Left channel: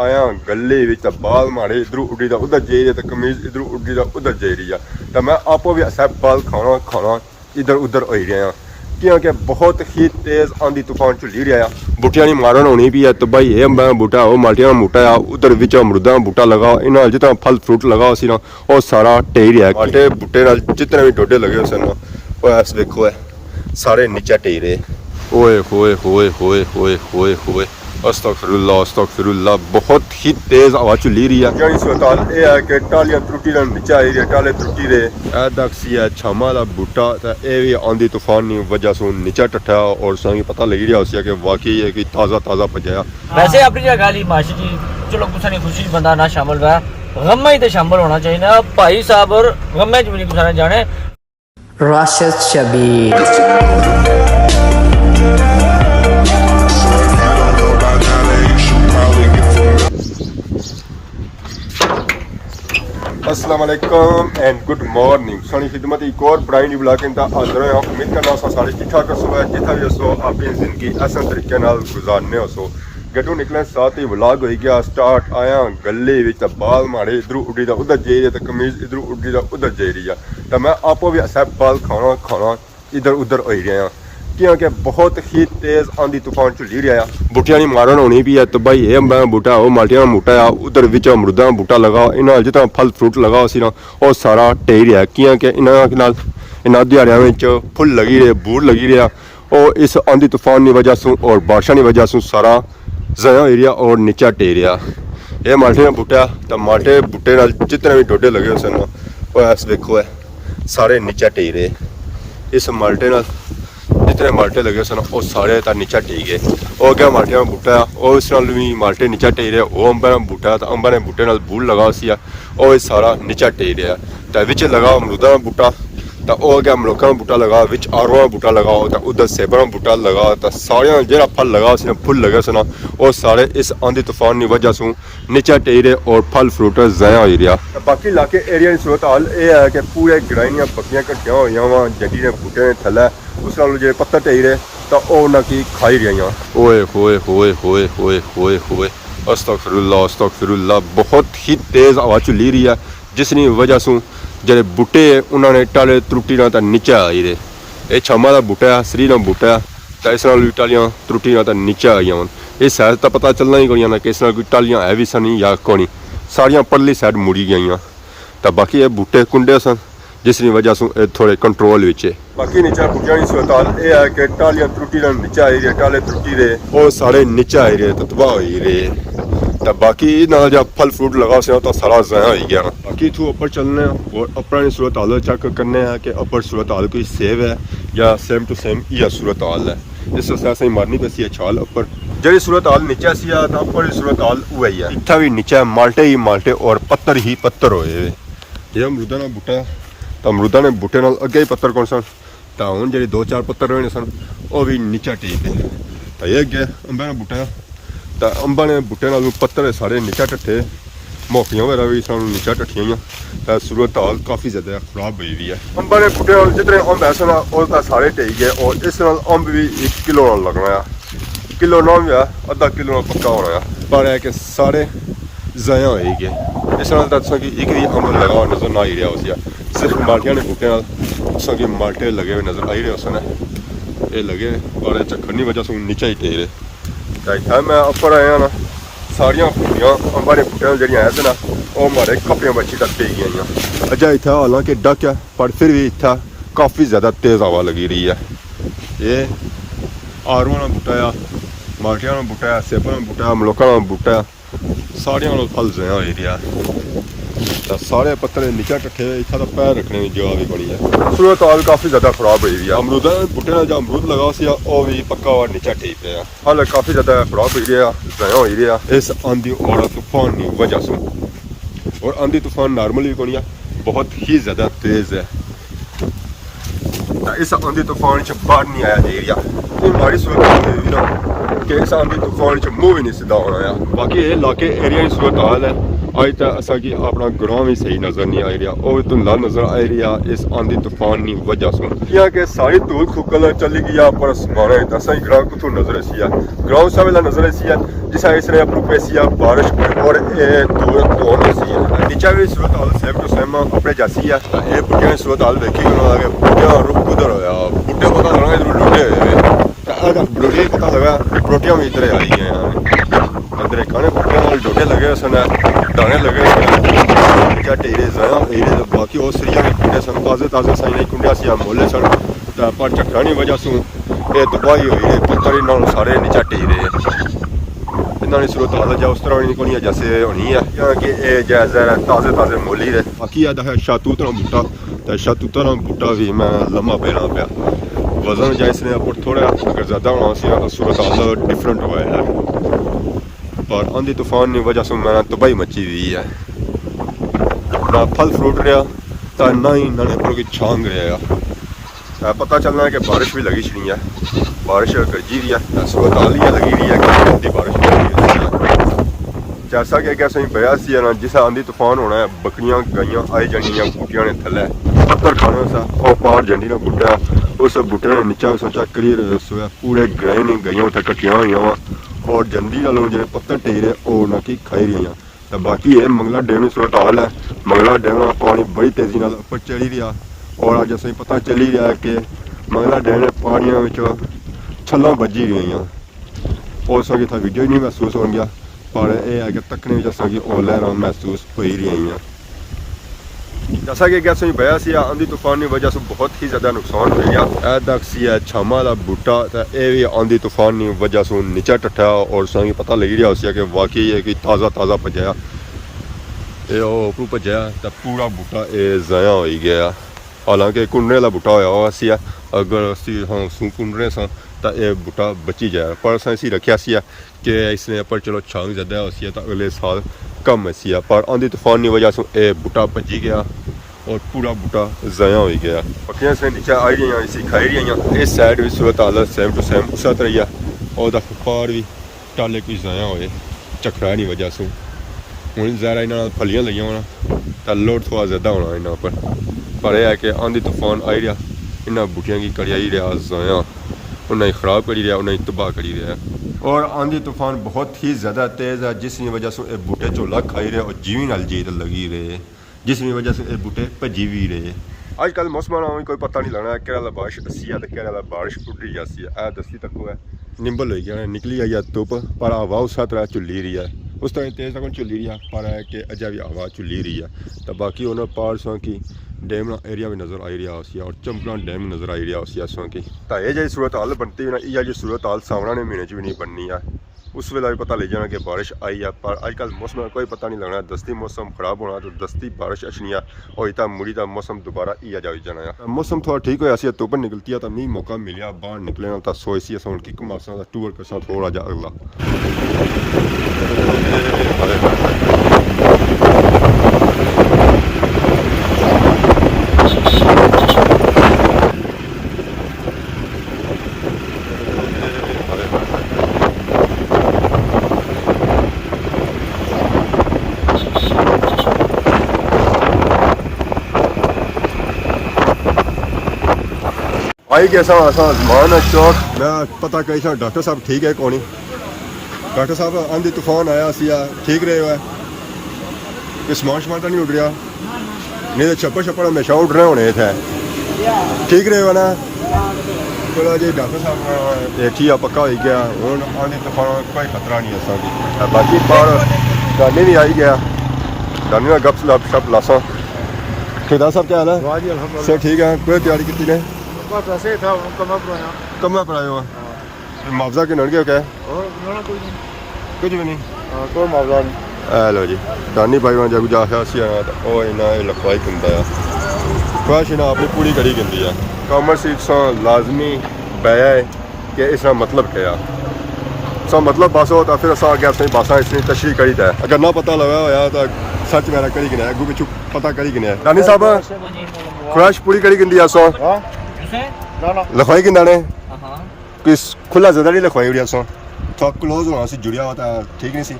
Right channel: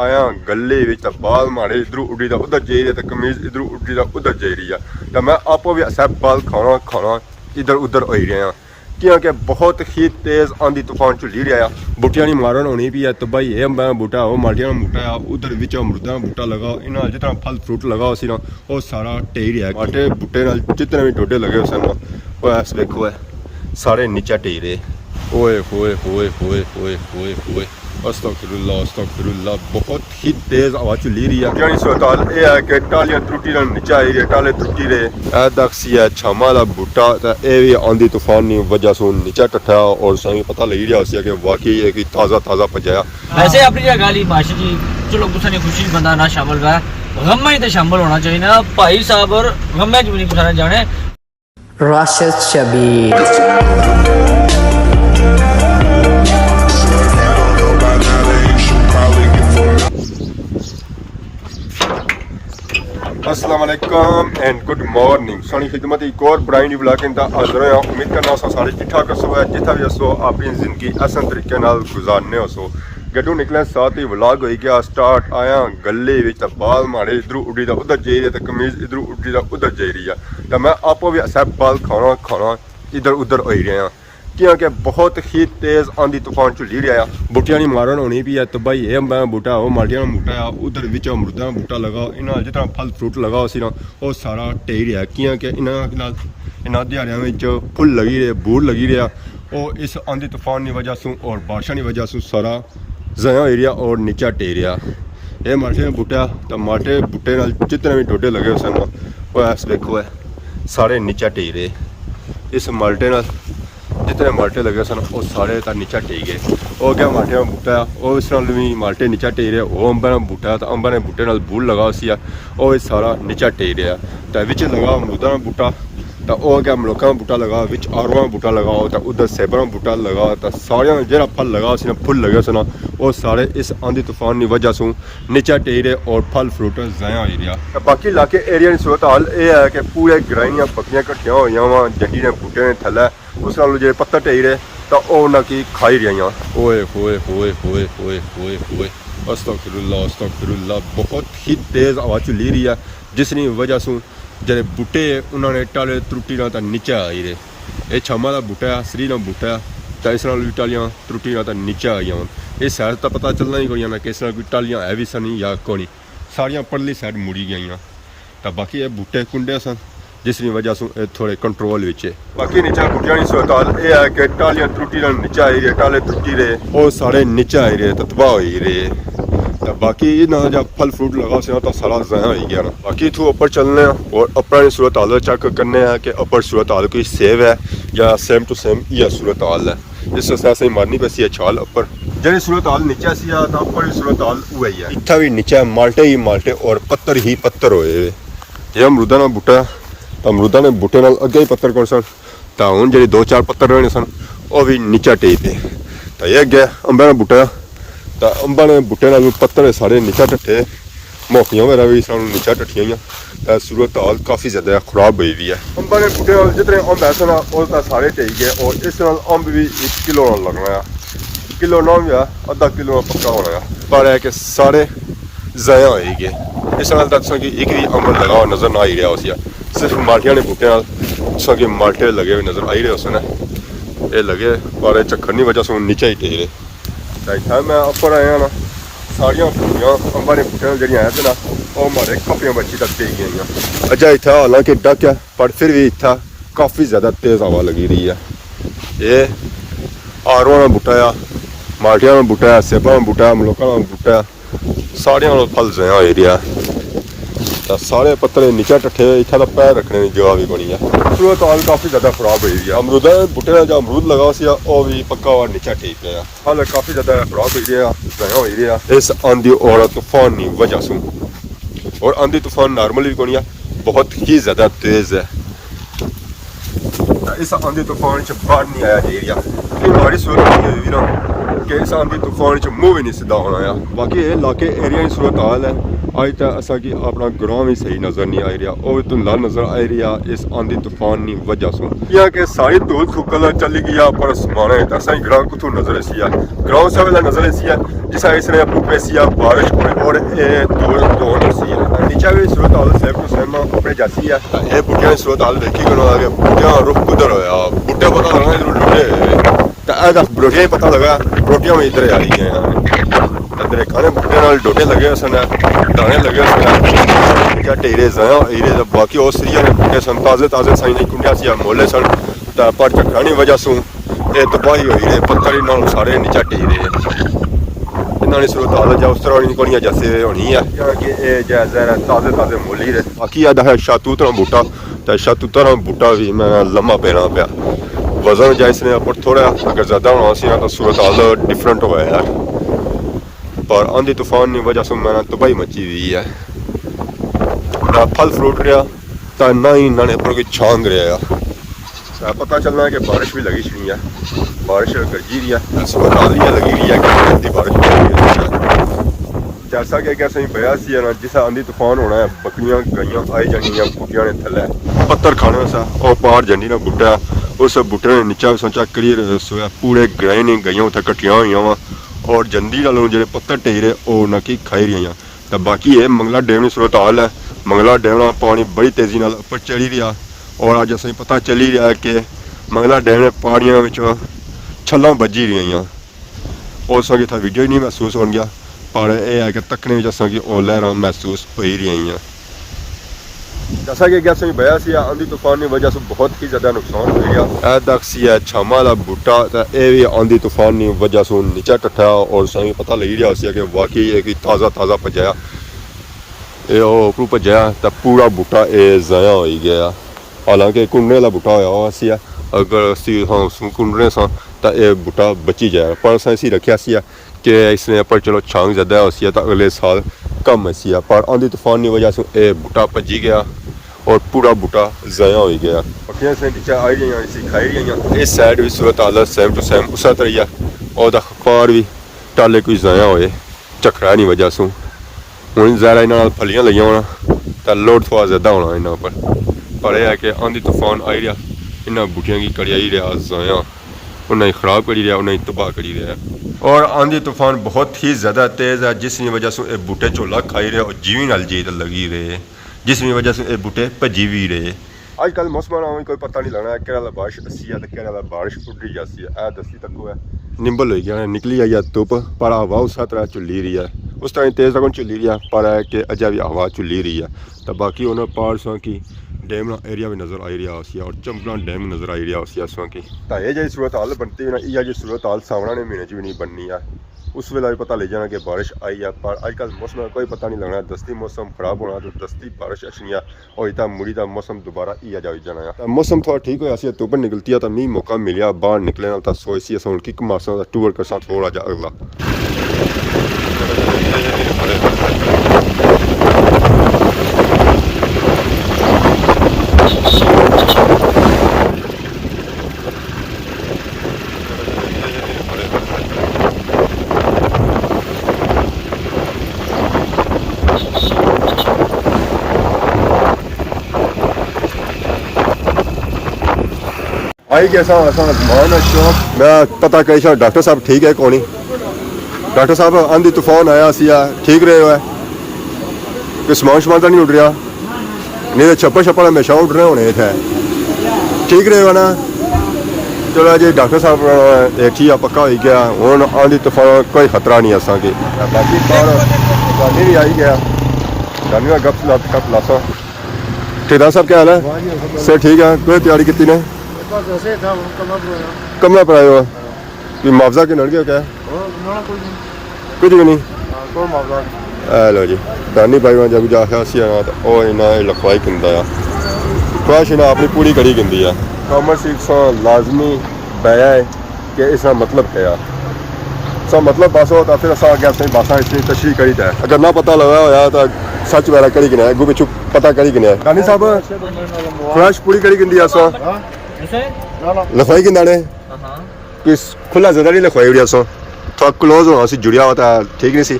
आया गले बाल मारे इधरों उड़ी दा उधर जाई रहा, कमीज इधरों उड़ी दा उधर जाई रही है। तो मैं आपो भी सब बाल खाना इधर उधर हो रहा क्योंकि बहुत ही तेज़ आंधी तूफान चली रहा है। बूटियां नहीं मारन होनी भी है तो भाई ये अम्बा बूटा वो माल्टिया बूटा है, उधर विच अमरूदा बूटा लगा, इन्हें जितना फल फ्रूट लगा सी ना वो सारा टेई रहा है। माल्टे बूटे नाल जितने भी डोडे लगे उस ऐस वेखो है सारे नीचे टेई रहे। ओए होए होए होए होए होए होए अस्तगफिरुल्लाह, बहुत ही तेज हवा चली रही है। यानी सूरत ये है कि टालियां त्रुटी नीचे आई रही, टाले त्रुटी रहे। ए दक्सी है छामा का बूटा, ये भी आंधी तूफान की वजह से नीचे टट्ठा और संगी पता लगी रहा उसी कि वाकई है कि ताज़ा भजाया। वैसे अपनी जगह ली माशी जी चलो कुछ नहीं, खुशी बंदा ना शामिल रहा है, गम में ही तो शामिल होना चाहिए ना भाई साहब, और गम में भी नहीं जाने। राशिद शबीर अस्सलाम वालेकुम एंड गुड मॉर्निंग। सोनी खिदमत एक और ब्राइन ब्लॉग इंदा हाजिर है। उम्मीद करना सारे ठीक ठाक हो है, जितना भी हो अपनी जिंदगी आसान तरीके नाल गुजारने हो। गड्डू निकले साथ ही व्लॉग हो गया स्टार्ट। आया गले बाल मारे इधरों उड़ी दा उधर जाई रहा, कमीज इधरों उड़ी दा उधर जाई रही है। तो मैं आपो भी सब बाल खाना इधर उधर हो रहा क्योंकि बहुत ही तेज़ आंधी तूफान चली रहा है। बूटियां नहीं मारन होनी भी है तो भाई ये अम्बा बूटा वो माल्टिया बूटा है, उधर विच अमरूदा बूटा लगा, इन्हें जितना फल फ्रूट लगा सी ना वो सारा टेई रहा क्योंकि इन्होंने दिहाड़ियों में फुल लगी रहे, बूट लगी रहा और इस आंधी तूफान की वजह से और बारिशों की वजह से सारा ज़या हो रहा और नीचा टे रहा। यह माल्टे का बूटा तो माल्टे बूटे नाल जितने भी डोडे लगे उस ऐस वेखो है सारे नीचा टे रहे। इस माल्टे नाल जितने माल्टे लगे सन वो सारे नीचा टेई गए। वो क्या माल्टे का बूटा है वो इस नाल भी माल्टे नीचा टेई रहे। वो अंबा का बूटा तो अंबा ने बूटे नाल बूट लगा उसी वो सारा नीचा टेई रहा। तो विच लगा अमरूदा का बूटा तो वह क्या मलोका का बूटा लगा, विच आड़ूआ का बूटा लगा तो उधर सेबा का बूटा लगा। तो सारे जो फल लगा उस फुल लगे सन वो सारे इस आंधी तूफान की वजह से नीचा टेई रहे और फल फ्रूट ज़ाया हो रहा। तो बाकी इलाके एरिया की सूरत हाल यह है कि पूरे ग्राइनियाँ बकरियाँ कट्ठियां हुई वा, जंडी ने बूटे ने थैले उस नाल जो पत्तर टेई रहे तो उन्हें की खाई रही। ओए होए होए होए होए होए होए अस्तगफिरुल्लाह, बहुत ही तेज़ हवा चली रही है जिसकी वजह से जो बूटे उन्होंने टाले त्रुटी ना नीचे आई रहे। ये छामा का बूटा है, सरी का बूटा है तो इस भी टालियां त्रुटी ना नीचे आई वन। इस सैड तो पता चलना ही कोई ना कि इस कोई टालियां है भी सन या कौन, सारिया परली सैड मुड़ी गई। तो बाकी ये बूटे कुंडे सन जिसकी वजह से थोड़े कंट्रोल विच है। बाकी नीचे बूटियां की सूरत हाल यह है कि टालियां त्रुटी ना नीचे आई रहे, टाले त्रुटी रहे वो सारे नीचे आई रहे तो तबाह हो रहे। तो बाकी ना जब फल फ्रूट लगा उसे तो सारा ज़ाया हो गया। बाकी इतों ऊपर चलने और अपनी सूरत हाल चेक करने कि अपर सूरत हाल कोई सेव है या सेम टू सेम यह सूरत हाल है। इस वजह से मारनी पैसी है छाल उपर जी सूरत हाल नीचे सी तो अपर सूरत हाल वही है। इतना भी नीचे माल्टे ही माल्टे और पत्थर ही पत्थर होए। यह अमरूदा का बूटा तो अमरूदा ने बूटे नाल अगे ही पत्थर कौन सन तो हूँ जी 2-4 पत्थर रहे सन वो भी नीचा टेई थे। तो यह अगे अंबा का बूटा तो अंबा ने बूटे नाल पत्थर सारे नीचा टट्ठे, मौकियां वगैरह भी सानू नीचा टट्ठियां। तो सूरत हाल काफ़ी ज़्यादा खराब हुई हुई है। अंबा ने बूटे नाल जितने अंब है सन वो सारे टेई गए और इस नाल अंब भी 1 किलो लगना है, किलो ना भी है आधा किलो पक्का होना है, पर है कि सारे ज़ाया हो गए। इस नाल दसा कि एक भी अंब लगा हुआ नज़र ना आई रहा उस सिर्फ माल्टिया ने बूटे नाल कि माल्टे लगे हुए नज़र आई रहे उसने ये लगे पर चक्कर की वजह से नीचे ही टेई रहे। तो मैं उपर आया ना सारिया अंबा के बूटे जड़ियाँ है ना वो मारे खप्पियां बच्ची तक टेई गई। अजा इतना हालांकि डक है पर फिर भी इतना काफ़ी ज़्यादा तेज़ हवा लगी रही है। ये आड़ूआ का बूटा है, माल्टिया का बूटा है, सेबा का बूटा है, मलोका का बूटा है, सारिया फल ज़ाया हो रहा है। तो सारे पत्थर नीचे टट्ठे इतना तो पैर रखने की जगह भी कोनी है। सूरत हाल काफ़ी ज़्यादा खराब हुई है। अमरूदा बूटे जो अमरूद लगा उसी वो भी पक्का और नीचे टेई पे हाल काफ़ी ज़्यादा खराब हो रहा ज़ाया हो रहा इस आंधी और तूफान की वजह से। और आंधी तूफान नॉर्मल भी कोनी है, बहुत ही ज़्यादा तेज़ है। इस आंधी तूफान से बाहर नहीं आया एरिया हमारी सूरत कि इस आंधी तूफान से मुँह भी नहीं सीधा होना है। बाकी ये इलाके एरिया की सूरत हाल है ਅੱਜ ਤਾਂ असांखे अपना ग्राम ही सही नज़र नहीं आ रहा और धुंधला नज़र आ रहा इस आंधी तूफान की वजह से यहाँ के सारी धूल सुकल चली गई पर समाने असा ग्राम को नज़र ऐसी है ग्राम से वाला नज़र ऐसी है जिसा इसने अपनी पैसी बारिश और धूल धोन ऐसी है नीचा भी सूरत हाल सेम टू सेम अपने जैसी है ये बूटियां की सूरत हाल देखी गलो आगे बूटियां रुख कुधर होया बूटे पता लगा इधर लुटे हुए बरोटियां ही पता लगा बरोटियां में इधर आई गए इधर खाने बूटे डोटे लगे सन दाने लगे सन क्या टेरे जाया हीरे बाकी और सरिया में बूटे सन ताज़े ताज़े साई नहीं कुंडिया सी मोले सन पर झकड़ा की वजह से ये तबाही हुई है पत्थर इन्होंने सारे नीचा टेरे इन्होंने सूरत हाल जा उस तरह नहीं जैसे होनी है कि ये जैसे ताज़े ताज़े मोल ही रहे बाकी अद है शातूत बूटा तो शातूत बूटा भी मैं लम्मा पैना पाया वजन जाए इसने पर थोड़ा अगर ज़्यादा होना सी तो सूरत हाल डिफरेंट हो गया पर आंधी तूफान की वजह से मैंने तबाही मची हुई है ना फल फ्रूट रहा तो ना ही इन्होंने पर कोई छांग रहा पता चलना है कि बारिश भी लगी नहीं है बारिश गरजी भी है सूरत हाल ही लगी रही है कि जल्दी बारिश लगी है जैसा कि कैसे पया सी ना जिस आंधी तूफान होना है बकरियां गाइयां आई जानियां बूटियां ने थले पत्थर खाने सा और पार जंडी ना बूटा उस बूटे ने नीचा सोचा क्लियर सोया पूरे गए नहीं गई उत्थे कट्ठियां हुई वा और जंदी नालों जो पत्थर टेरे वो ना कि खाई रही तो बाकी ये मंगला डैम की सूरत हाल है मंगला डैम का पानी बड़ी तेजी नाल ऊपर चढ़ी रहा और अज असें पता चली रहा है कि मंगला डैम के पानियों में छल्लां बजी रही और असेंगी इतना वीडियो ही नहीं महसूस हो गया पर यह है कि तकने में असेंगी और लहरां महसूस हो ही रही जैसा कि गैस बया सी आंधी तूफान की वजह से बहुत ही ज़्यादा नुकसान हो गया सी है छामा का बूटा तो यह भी आंधी तूफान की वजह से नीचा टट्ठा और असेंगी पता लगी रहा सी कि वाकई ये कि ताज़ा ताज़ा भजाया ये उपरू भजाया तो पूरा बूटा ये ज़ाया हो गया हालांकि कुंडने वाला बूटा होया सी अगर असी कुंडने सा तो यह बूटा बची जाए पर असें इसी रखा सी कि इसने पर चलो छांग ज़्यादा हो सी तो अगले साल कम सी पर आंधी तूफान की वजह से यह बूटा भजी गया और पूरा बूटा ज़ाया हो गया पक्कियां से नीचे आई गई इसी खाई रही इस साइड भी सूरत हाल सेम टू सेम उस तरह ही है और अखबार भी टाले कोई ज़ाया होए झकड़ा नहीं वजह से हूँ ज़ारा इन्होंने फलियां लगियां होना तो लोड थोड़ा ज़्यादा होना इन्हों पर यह है कि आंधी तूफान आई रहा इन्होंने बूटियां की कड़ियाई रहा ज़ाया उन्हें ख़राब करी रहा उन्हें तबाह करी रहा और आंधी तूफान बहुत ही ज़्यादा तेज़ है जिसकी वजह से ये बूटे झोला खाई रहे और जीवी नाल जी लगी रहे जिसकी वजह से ये बूटे भजी भी रहे अजकल मौसम का कोई पता नहीं लगना कि बारिश अस्सी है तो कि बारिश टुटी जाती है ए दसी तक है निंबल हो गया निकली आई है धुप पर हवा उस तरह झुली रही है उस तरह तेज़ तक झुली रही है पर है कि अजा भी हवा झुली रही है तो बाकी उन्होंने पार्सों की डैम एरिया भी नज़र आई रहा उसी और चंपला डैम नज़र आई रहा उसी असों की तो ये जी सूरत हाल बनती है ना यह जी सूरत हाल सावना ने महीने भी नहीं बननी है उस वेला भी पता लग जाना कि बारिश आई है पर अजकल मौसम का कोई पता नहीं लगना दस्ती मौसम खराब होना तो दस्ती बारिश अच्छी है और इतना मुड़ी का मौसम दोबारा इया जा जाना है मौसम थोड़ा ठीक होया सी धुप निकलती है तो मीह मौका मिलिया बाहर निकले तो सोच सी अस कि मासा का टूर कर थोड़ा जा अगला आई कैसा आसमान चौक मैं पता करी शायद डॉक्टर साहब ठीक है कौन डॉक्टर साहब आंधी तूफान आया सी ठीक रहे हुआ कोई समान तो नहीं उड़ रहा नहीं तो छप्पर छप्पर हमेशा उड़ रहे होने थे ठीक रहे हुआ ना चलो जी डॉक्टर साहब ठीक है पक्का हो गया हूँ आंधी तूफान कोई खतरा नहीं असा की बाकी बाहर दानी भी आई गया दानी का गप सप लासो ठेकेदार साहब क्या हाल है सर ठीक है कोई तैयारी की ने कमरा पर आयो कि मुआवजा के नड़ गया क्या कुछ भी नहीं लो जी दानी भाई जब जा सी आना तो वह इन्हें लखवाई किंदा ख्वाहिश इन्हें अपनी पूरी करी किंदी है कॉमर्स इट्स लाजमी बया है कि इसका मतलब क्या सा मतलब बस हो तो फिर अस अगे अपनी बसा इसलिए तशरी करी था अगर ना पता लगा होया तो सच मेरा करी किने अगू पिछू पता करी किने दानी साहब ख्वाहिश पूरी करी किंदी अस लखवाई किंदा ने कोई खुला ज़्यादा नहीं लखवाई उड़ी अस थोड़ा क्लोज होना सी जुड़िया हुआ था ठीक नहीं सी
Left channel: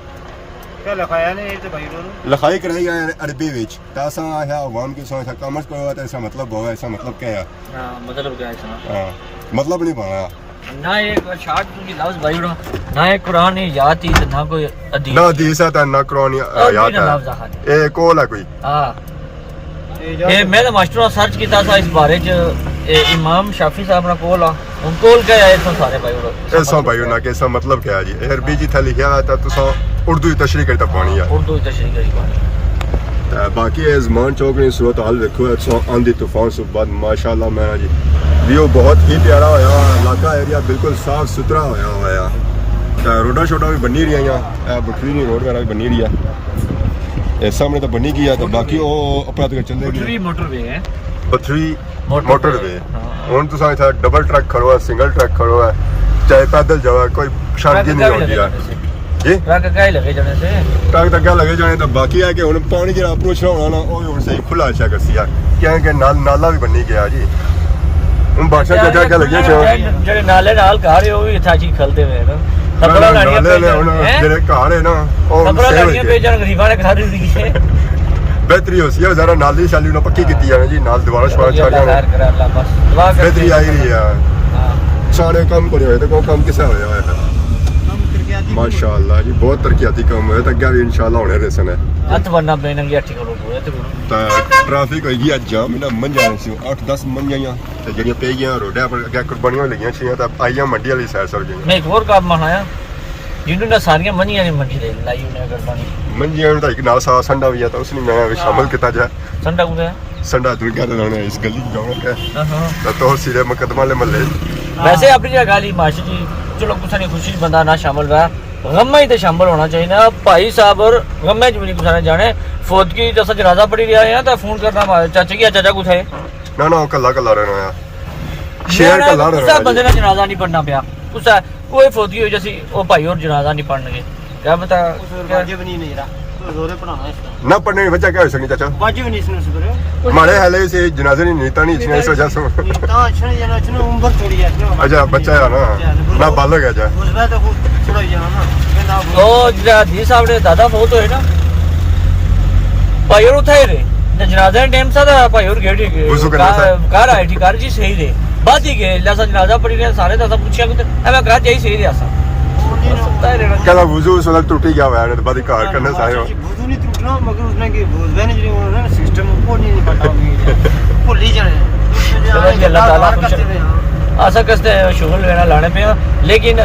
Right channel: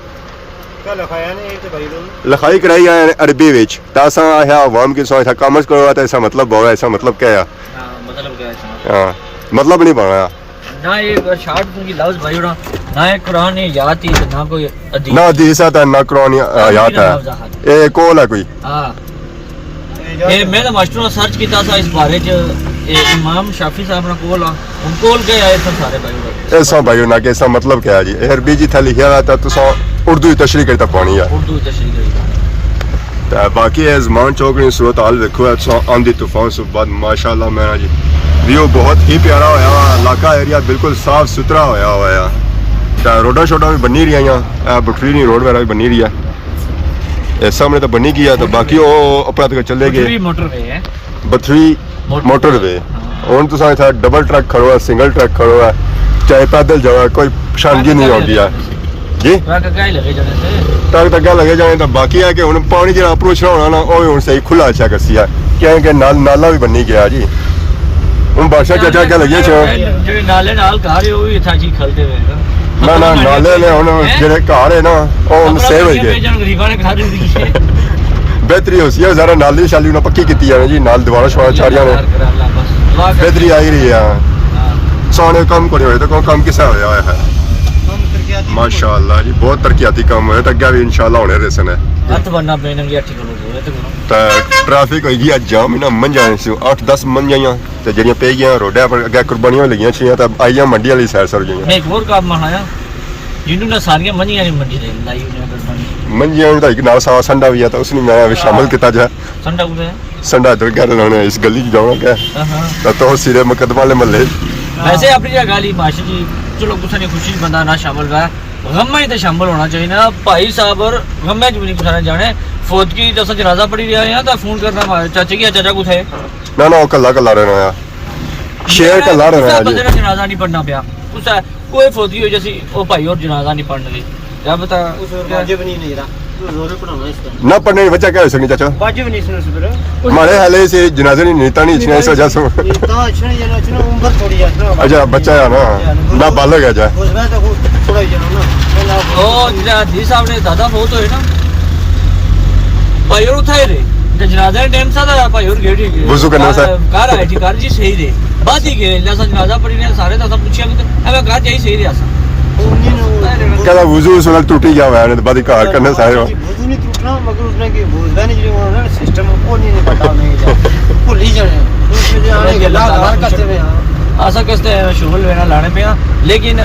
क्या लिखाया ने एक तो भाई लोग लिखाई कराई है अरबी विच तासा है आवाम की सोच था कॉमर्स करो तो ऐसा मतलब हो ऐसा मतलब क्या है मतलब क्या है हाँ मतलब नहीं बना ना ये शार्ट की लफ्ज भाई ना ना ये कुरान ने याद थी ना कोई हदीस ना हदीस है ना कुरान याद है ये कौन है कोई हां ये मैं तो मास्टर सर्च किया था इस बारे च इमाम शाफी साहब ने कोल उन कोल के आए तो सारे भाई लोग ऐसा भाई ना कैसा मतलब क्या है जी अरबी जी था लिखा हुआ था तुसा उर्दू तशरीह करता पानी है उर्दू तशरीह करी तो बाकी है ज़मान चौक ने सूरत हाल देखो है आंधी तूफान से बाद माशाल्लाह मेरा जी व्यू बहुत ही प्यारा होया इलाका एरिया बिल्कुल साफ सुथरा होया हुआ है तो रोडा छोटा भी बनी रही है बटरीनी रोड वगैरह भी बनी रही है सामने तो बनी गया तो बाकी वो अपना तक चले गए मोटरवे है बथरी मोटरवे ਹੁਣ ਤੁਸੀਂ ਇੱਥੇ ਡਬਲ ਟਰੱਕ ਖੜੋ ਹੈ ਸਿੰਗਲ ਟਰੱਕ ਖੜੋ ਹੈ ਚਾਹੇ ਪੈਦਲ ਜਾਓ ਕੋਈ ਪਛਾਣ ਨਹੀਂ ਆਉਂਦੀ ਹੈ ਜੀ ਟਰੱਕ ਕਾਇ ਲਗੇ ਜਾਣੇ ਸੇ ਟਰੱਕ ਤਾਂ ਗੱਲ ਲੱਗੇ ਜਾਣੇ ਤਾਂ ਬਾਕੀ ਹੈ ਕਿ ਹੁਣ ਪਾਣੀ ਜਿਹੜਾ ਅਪਰੋਚ ਹੋਣਾ ਨਾ ਉਹ ਹੁਣ ਸਹੀ ਖੁੱਲਾ ਅੱਛਾ ਕਰਸੀ ਹੈ ਕਿਉਂਕਿ ਨਾਲਾ ਵੀ ਬੰਨੀ ਗਿਆ ਜੀ ਹੁਣ ਬਾਸ਼ਾ ਚਾਚਾ ਕੇ ਲੱਗੇ ਜਿਹੜੇ ਨਾਲੇ ਨਾਲ ਘਰ ਉਹ ਵੀ ਇੱਥਾ ਜੀ ਖਲਦੇ ਹੋਏ ਨਾ ਨਾਲੇ ਨੇ ਹੁਣ ਜਿਹੜੇ ਘਰ ਹੈ ਨਾ ਉਹ ਸੇਵ ਹੋ ਗਏ ਜਨ ਗਰੀਬਾਂ ਨੇ ਖਾ ਦਿੱਤੀ ਹੈ ਬਿਹਤਰੀ ਹੋ ਸੀ ਜ਼ਰਾ ਨਾਲੀ ਸ਼ਾਲੀ ਉਹਨਾਂ ਪੱਕੀ ਕੀਤੀ ਜਾਵੇ ਜੀ ਨਾਲ ਦੁਬਾਰਾ ਛੋੜਾ ਛਾੜੀਆਂ ਬਿਹਤਰੀ ਆਈ ਰਹੀ ਆ ਸੋਨੇ ਕੰਮ ਕਰੇ ਹੋਏ ਤਾਂ ਕੋਈ ਕੰਮ ਕਿਸਾ ਹੋਇਆ ਹੈ ਮਾਸ਼ਾਅੱਲਾ ਜੀ ਬਹੁਤ ਤਰੱਕੀਆਤੀ ਕੰਮ ਹੋਇਆ ਤਾਂ ਅੱਗੇ ਵੀ ਇਨਸ਼ਾਅੱਲਾ ਹੋਣੇ ਰਸਨ ਹੈ ਹੱਥ ਬੰਨਾ ਪੈਣਾ ਵੀ ਅੱਠੀ ਕਰੋ ਤੇ ਤਾਂ ਟ੍ਰੈਫਿਕ ਹੋਈ ਗਿਆ ਜਾਮ ਇਹਨਾਂ ਮੰਝਾਂ ਸੀ 8-10 ਮੰਝਾਂ ਤੇ ਜਿਹੜੀਆਂ ਪੈ ਗਈਆਂ ਰੋਡਾਂ ਪਰ ਅੱਗੇ ਕੁਰਬਾਨੀਆਂ ਲੱਗੀਆਂ ਛੀਆਂ ਤਾਂ ਆਈਆਂ ਮੰਡੀਆਂ ਲਈ ਸੈਰ ਸਰ ਗਈਆਂ ਮੈਂ ਇੱਕ ਹੋਰ ਕੰਮ ਮਨਾਇਆ ਜਿਹਨੂੰ ਨਾ ਸਾਰੀਆਂ ਮੰਝੀਆਂ ਨੇ ਮੰਡੀ ਦੇ ਲਾਈ ਉਹਨੇ ਕੁਰਬਾਨੀ ਮੰਝਾਂ ਦਾ ਇੱਕ ਨਾਲ ਸੰਡਾ ਵੀ ਆ ਤਾਂ ਉਸ ਨੂੰ ਮੈਂ ਵੀ ਸ਼ਾਮਿਲ ਕੀਤਾ ਜਾ ਸੰਡਾ ਕੁਦੇ ਸੰਡਾ ਦਰ ਘਰ ਲਾਉਣਾ ਇਸ ਗਲੀ 'ਚ ਜਾਵਾਂਗਾ ਤਾਂ ਤਾਂ ਸਿਰੇ ਮੁਕੱਦਮਾ ਵਾਲੇ ਮਹੱਲੇ वैसे अपनी जगह ली माशी जी चलो कुछ नहीं खुशी बंदा ना शामिल रहा गम ही तो शामिल होना चाहिए ना भाई साहब और गम भी नहीं कुछ जाने फौत की जैसा जनाजा पड़ी रहा है तो फोन करना हमारे चाचे की चाचा कुछ है ना ना कल्ला कल्ला रहना शेयर कल्ला रहना बंदे ने जनाजा नहीं पढ़ना पिया कुछ है कोई फौत की हुई जैसी वो भाई और जनाजा नहीं पढ़ने क्या बता वाजिब नहीं रहा जोरे पढ़ाना इसका ना पढ़ने की वजह क्या हो सकती चाचा वाजिब नहीं सुन सुबह हमारे हाले से जनाजे नहीं नीता नहीं इतने ऐसा जैसा नीता अच्छा नहीं जाना अच्छा उम्र थोड़ी है अच्छा बच्चा है ना ना बालक है जा उसमें तो थोड़ा जाना ना ओ जी साहब ने दादा बहुत है ना भाई और उठाए रे जनाजा टाइम सा था भाई और गेड़ी कार आई थी कार जी सही रे बाद ही के लसा जनाजा पड़ी ने सारे दादा पूछया कि एवे कार चाहिए सही रे आसा क्या वुजू से टूट गया है ने बादी कार करने सारे वुजू नहीं टूटना मगर उसने के वुजू जो है ना सिस्टम को नहीं पता नहीं भूल ही जाने उसमें अल्लाह ताला करते हैं आशा करते हैं शुगल लेना लाने पे लेकिन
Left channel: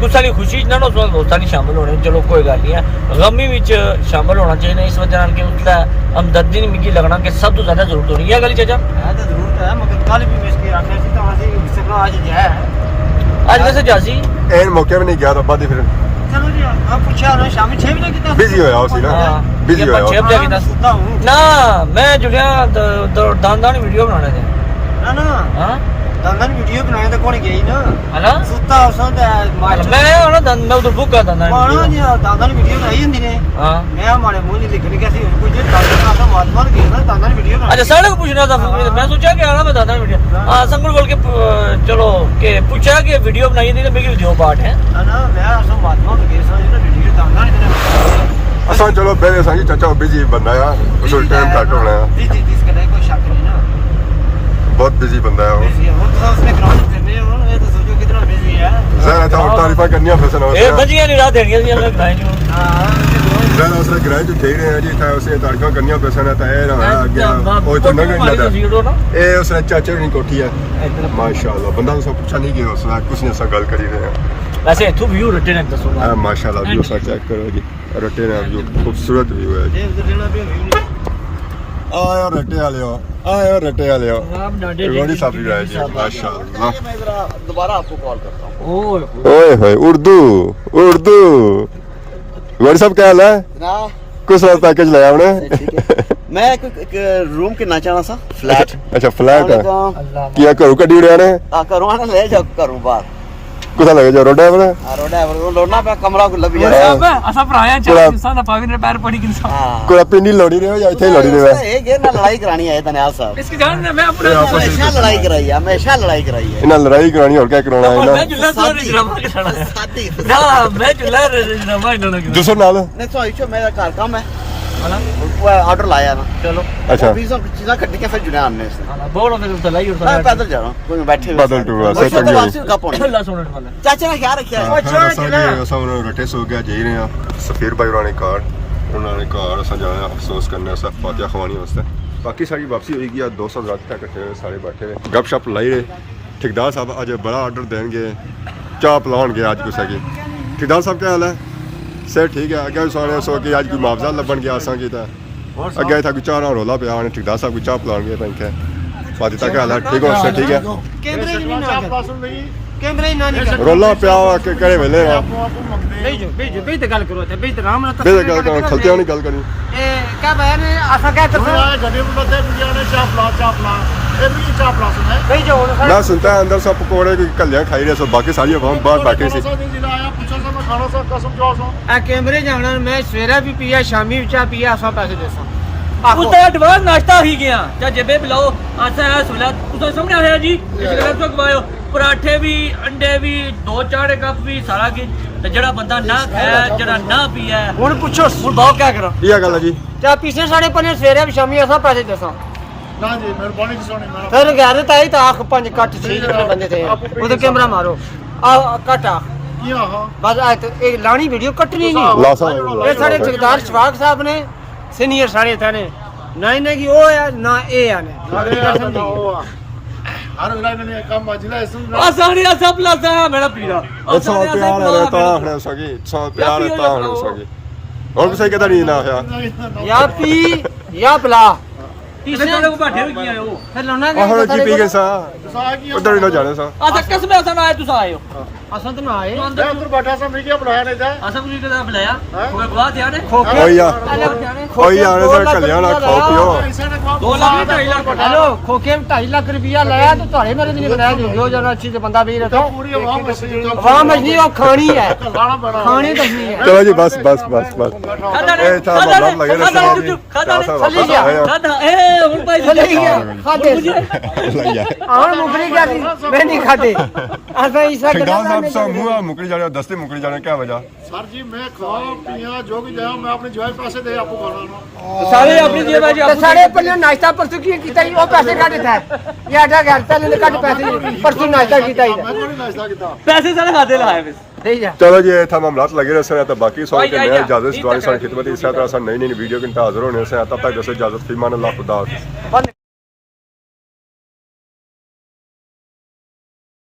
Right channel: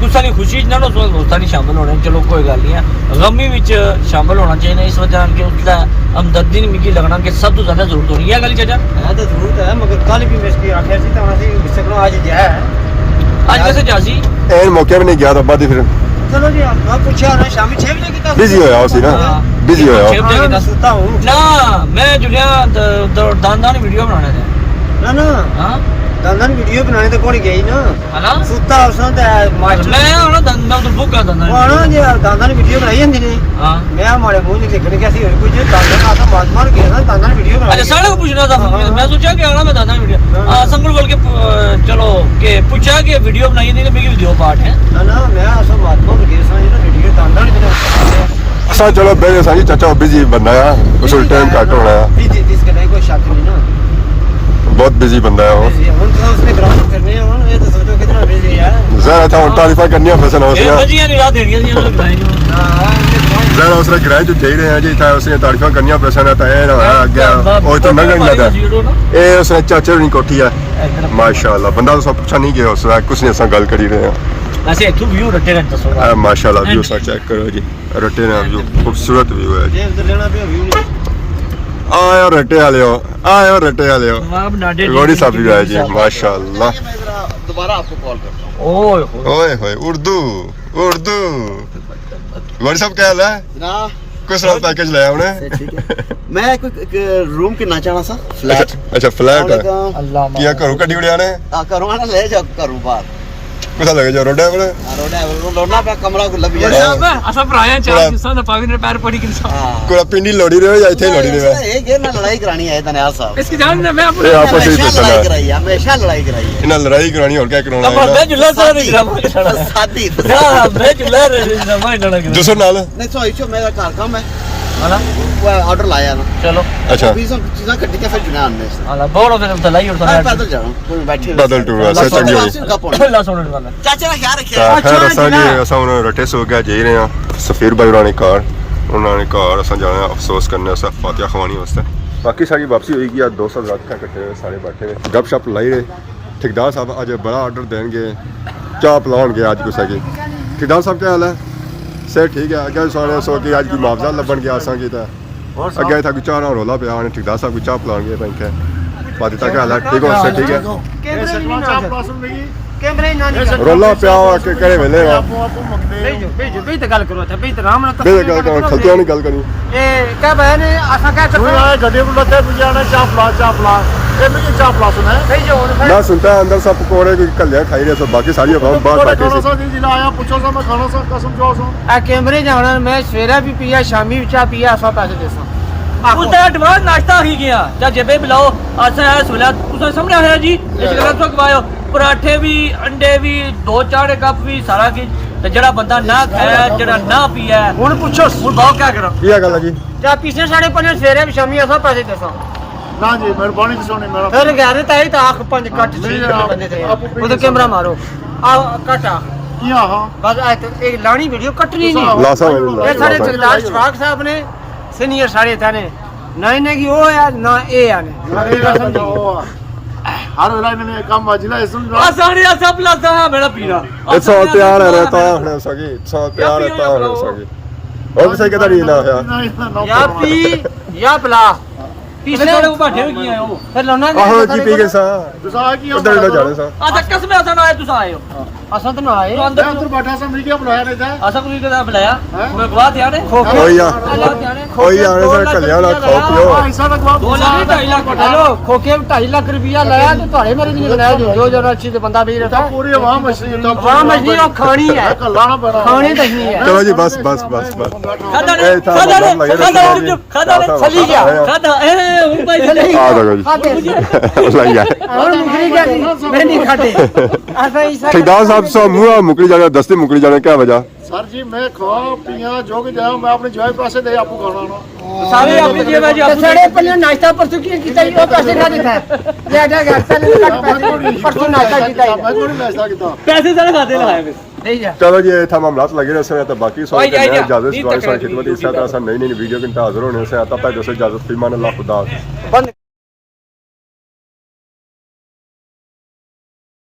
कुछ सारी खुशी ना उस वक्त दोस्तां नहीं शामिल होने चलो कोई गल नहीं है गमी विच शामिल होना चाहिए इस वजह नाल कि उसदा हमदर्दी नहीं मिगी लगना कि सब तो ज्यादा जरूरत होनी है गल चाचा है तो जरूरत है मगर कल भी मैं इसकी आखिर थी तो वहां से बिसकना आज जाए आज वैसे जासी ऐन मौके में नहीं गया तो बाद फिर चलो जी आप पूछा ना शाम 6 बजे के बिजी होया उसी ना बिजी होया 6 बजे के सुता हूं ना मैं जुलिया दान वीडियो बनाने थे ना हां दान वीडियो बनाने तो कौन गई ना हला सुता उसा ते मास्टर मैं यार दान तो बुक कर दान ना जी दान वीडियो बनाई जंदी ने हां मैं हमारे मुंह नहीं देखने कैसी हो कुछ दान आता महात्मा गया ना दान वीडियो बना अच्छा सारे को पूछना था मैं सोचा कि आना मैं दादा वीडियो संगल बोल के चलो के पूछा कि वीडियो बनाई थी मेरी वीडियो पार्ट है ना मैं असो महात्मा गया सा ये वीडियो दान असा चलो बेरे साजी चाचा बिजी बंदा है उस टाइम काट होना है बिजी इसके नहीं कोई शक नहीं ना बहुत बिजी बंदा है हम तो उसने ग्राउंड करने हो ये तो सोचो कितना बिजी है ज़रा था तारीफा करनी है फसन ए बजिया नहीं रात देनी थी हमने बनाई जो ज़रा उसने ग्राउंड जो जाई रहे हैं जी था उसने तारीफा करनी है फसन है ताए ना आ गया ओ तो ना लगा ए उसने चाचा नहीं कोठी है माशाल्लाह बंदा तो सब पूछा नहीं गया उसने कुछ नहीं असा गल करी रहे हैं ऐसे तू व्यू रटे ने दसो माशाल्लाह व्यू सा चेक करो जी रटे ना व्यू खूबसूरत व्यू है ये उधर लेना पे व्यू नहीं आयो रटे वाले आप नाडे गौरी साहब भी आए जी माशाल्लाह दोबारा आपको कॉल करता हूं ओए ओए उर्दू गौरी साहब क्या हाल है ना कुछ रात पैकेज लाया हमने मैं एक रूम के ना चाहना सा फ्लैट अच्छा फ्लैट है अल्लाह किया करू कड्डी उड़िया ने करूँ ना ले जाओ करूँ बाहर कुसा लगे जो रोडा पर रोडना पे कमरा को लग हाँ। गया असा भराया पूरा- इंसान दा पागल पैर पड़ी कि इंसान हां कोई पिंडी लड़ी रहे या इथे ही लड़ी रहे ये जे ना लड़ाई करानी है दनियाल साहब इसकी जान मैं अपना आपस में हमेशा पूछना लड़ाई है। कराई है हमेशा लड़ाई कराई है इन्हें लड़ाई करानी और क्या कराना है मैं ना जुल्ला सारा नहीं ड्रामा कराना शादी हां मैं जुल्ला ड्रामा इना लगा दूसरे नाल नहीं तो इचो मेरा घर काम है हां वो ऑर्डर लाया ना चलो अच्छा 20 चीजें कट के फिर जुनान में से हां बोलो फिर उतलाई और मैं पैदल जा रहा हूं कोई बैठे पैदल टूर वास्ते चंगी होई अल्लाह सुनने वाला चाचा का ख्याल ਤਾਂ रखिए ਖੈਰ ਅਸਾਂ ਜੀ ਅਸਾਂ ਹੁਣ ਰਟੇ ਸੋ ਗਿਆ ਜੀ ਰਹੇ ਆ ਸਫੀਰ ਭਾਈ ਉਹਨਾਂ ਨੇ ਘਰ ਅਸਾਂ ਜਾਣਾ ਅਫਸੋਸ ਕਰਨੇ ਅਸਾਂ ਫਾਤਿਹਾ ਖਵਾਣੀ ਵਾਸਤੇ ਬਾਕੀ ਸਾਰੀ ਵਾਪਸੀ ਹੋਏਗੀ ਆ 200 ਰਾਤ ਤੱਕ ਇਕੱਠੇ ਹੋਏ ਸਾਰੇ ਬੈਠੇ ਨੇ ਗੱਪ ਸ਼ਪ ਲਾਈ ਰਹੇ ਠੇਕੇਦਾਰ ਸਾਹਿਬ ਅੱਜ ਬੜਾ ਆਰਡਰ ਦੇਣਗੇ ਚਾਹ ਪਿਲਾਉਣਗੇ ਅੱਜ ਕੁਛ ਹੈਗੇ ਠੇਕੇਦਾਰ ਸਾਹਿਬ ਕੀ ਹਾਲ ਹੈ ਸਰ ਠੀਕ ਹੈ ਅੱਗੇ ਸਾਰੇ ਸੋ ਕਿ ਅੱਜ ਕੋਈ ਮੁਆਵਜ਼ਾ ਲੱਭਣ ਗਿਆ ਅਸਾਂ ਕੀ ਤਾਂ ਅੱਗੇ ਤਾਂ ਕੋਈ ਚਾਹ ਨਾਲ ਰੋਲਾ ਪਿਆ ਉਹਨੇ ਠੇਕੇਦਾਰ ਸਾਹਿਬ ਕੋਈ ਚਾਹ ਪਿਲਾਉਣਗੇ ਤਾਂ ਕਿ ਫਾਤਿਹਾ ਕੀ ਹਾਲ ਹੈ ਠੀਕ ਹੋ ਸਰ ਠੀਕ ਹੈ कैमरे नहीं ना कैमरे ना नहीं ਰੋਲਾ ਪਿਆ ਕਿ ਕਿਹੜੇ ਵੇਲੇ ਨਾ बेज गल करो थे बेज राम ना ਬੇ ਗੱਲ ਕਰ ਖਲਤਿਆਂ ਨਹੀਂ ਗੱਲ ਕਰੀ ए क्या बहन आसा क्या कर यार गड्ढे में लगे बियाने चापला ए मैं चापला सुना है बेज मैं सुनता है अंदर सब पकौड़े कोई कल्याण खाई रहे सो बाकी सारी आवाम बाहर बैठे सी जिला आया पूछो सा मैं खाना सब कसम जो सो आ कैमरे जाना मैं सवेरे भी पिया शामी भी चाह पिया ऐसा पैसे देसा उसका एडवांस नाश्ता ही गया जा जेबे बुलाओ आसा है सुला तुसा सामने आया जी इस गल तो खवायो पराठे भी अंडे भी दो चार कप भी सारा की ਤੇ ਜਿਹੜਾ ਬੰਦਾ ਨਾ ਖਾਇਆ ਜਿਹੜਾ ਨਾ ਪੀਆ ਹੁਣ ਪੁੱਛੋ ਹੁਣ ਬਹੁਤ ਕੀ ਕਰਾਂ ये गल है जी ਚਾਹ ਪੀਸੇ ਸਾਡੇ ਪੰਨੇ ਸਵੇਰੇ ਵੀ ਸ਼ਾਮੀ ਐਸਾ ਪੈਸੇ ਦੇਸੋ ਨਾ ਜੀ ਮਿਹਰਬਾਨੀ ਦੱਸੋ ਨਹੀਂ ਮੇਰਾ ਫਿਰ ਗਾਰੇ ਤਾਂ ਇਹ ਤਾਂ ਆਖ ਪੰਜ ਕੱਟ ਸੀ ਨਹੀਂ, ਬੰਦੇ ਤੇ ਉਹਦਾ ਕੈਮਰਾ ਮਾਰੋ ਆ ਕੱਟ ਆ ਕੀ ਆਹਾਂ ਬਸ ਆ ਇਹ ਲਾਣੀ ਵੀਡੀਓ ਕੱਟਣੀ ਨਹੀਂ लासा ਇਹ ਸਾਡੇ ਠੇਕੇਦਾਰ ਸ਼ਵਾਕ ਸਾਹਿਬ ਨੇ ਸੀਨੀਅਰ ਸਾਰੇ ਤਾਨੇ ਨਾ ਇਹਨੇ ਕੀ ਉਹ ਆ ਨਾ ਇਹ ਆ ਨੇ ਸਮਝੀ ਹਰ ਵੇਲੇ ਇਹਨਾਂ ਨੇ ਕੰਮ ਅਜਲਾ ਇਸ ਨੂੰ ਆਸਾਨੀ ਆ ਸਭ ਲੱਗਦਾ ਹੈ ਮੇਰਾ ਪੀਰਾ इतना प्यार है रहता हने सगी इतना प्यार रहता हने सगी और भी सही कहता नहीं ना है या ਪੀ ਜਾਂ ਪਲਾ ਤੀਸਰੇ ਵਾਲੇ ਕੋ ਬਾਠੇ ਵੀ ਕੀ ਆਏ ਹੋ ਫਿਰ ਲਾਉਣਾ आहो जी पी के सा ਤੁਸੀਂ ਆ ਕੀ उधर ही ना जाने सा ਆ ਤਾਂ ਕਸਮੇ ਆਸਾਂ ਆਏ ਤੁਸੀਂ ਆਏ ਹੋ ਅਸਾਂ ਤਾਂ ਨਾ ਆਏ ਤੂੰ ਅੰਦਰ ਅੰਦਰ ਬੈਠਾ ਸਾਂ ਮੈਂ ਕੀ ਬੁਲਾਇਆ ਨੇ ਜਾ ਆਸਾਂ ਕੋਈ ਕਦਾ ਬੁਲਾਇਆ ਕੋਈ ਗਵਾਹ ਧਿਆਨ ਹੈ ओही आ ओही आने से कल्याण खाओ पियो ਐਸਾ ਨਾ ਗਵਾ 2 ਲੱਖ 2.5 ਲੱਖ ਹੈਲੋ ਖੋਕੇ 2.5 ਲੱਖ ਰੁਪਇਆ ਲਾਇਆ ਤੇ ਤੁਹਾਡੇ ਮੇਰੇ ਨਹੀਂ ਬੁਲਾਇਆ ਜੋ ਜਨਾ ਅੱਛੀ ਤੇ ਬੰਦਾ ਵੀ ਰੱਖਾ ਪੂਰੀ ਆਵਾਮ ਮਸੀ ਤਾਂ ਵਾਹ ਮਜਨੀ ਉਹ ਖਾਣੀ ਹੈ ਕੱਲਾ ਨਾ ਬਣਾ ਖਾਣੀ ਦੱਸਣੀ ਹੈ चलो जी बस बस बस बस ए था मतलब लगे रहते हैं जी चासा वापस आए ਏ ਹੁਣ ਭਾਈ ਚਲੇ आ दो जी लाई आए ਆਹ ਮੁਖਰੀ ਗਿਆ ਸੀ ਮੈਂ ਨਹੀਂ ਖਾਦੇ ਐਸਾ ਹੀ ठेकेदार साहब सो मुआ मुकरी जाने दस्ती मुकरी जाने क्या वजह ਸਰ ਜੀ ਮੈਂ ਖਵਾ ਪੀਆਂ ਜੋ ਕਿ ਜਾਇਆ ਮੈਂ ਆਪਣੇ ਜਵਾਈ ਪਾਸੇ ਦੇ ਆਪੂ ਖਾਣਾ ਨਾ ਸਾਰੇ ਆਪਣੀ ਜੇਬ ਆ ਜੀ तो साढ़े पहले नाश्ता परसों की कितना वो पैसे का देता है ये आधा घंटा ले कट पैसे परसों नाश्ता किया है ਮੈਂ ਕੋਈ ਨਾਸ਼ਤਾ ਕੀਤਾ ਪੈਸੇ ਸਾਰੇ ਖਾਦੇ ਲਾਏ नहीं जा चलो जी ये था मामलात लगे रहे हैं तो बाकी सौ के आई, नए आई, इजाजत जी, सवारी तक खिदमत इस तरह नई नई वीडियो के हाजिर होने से तब तक जैसे इजाजत फीमान अल्लाह खुदा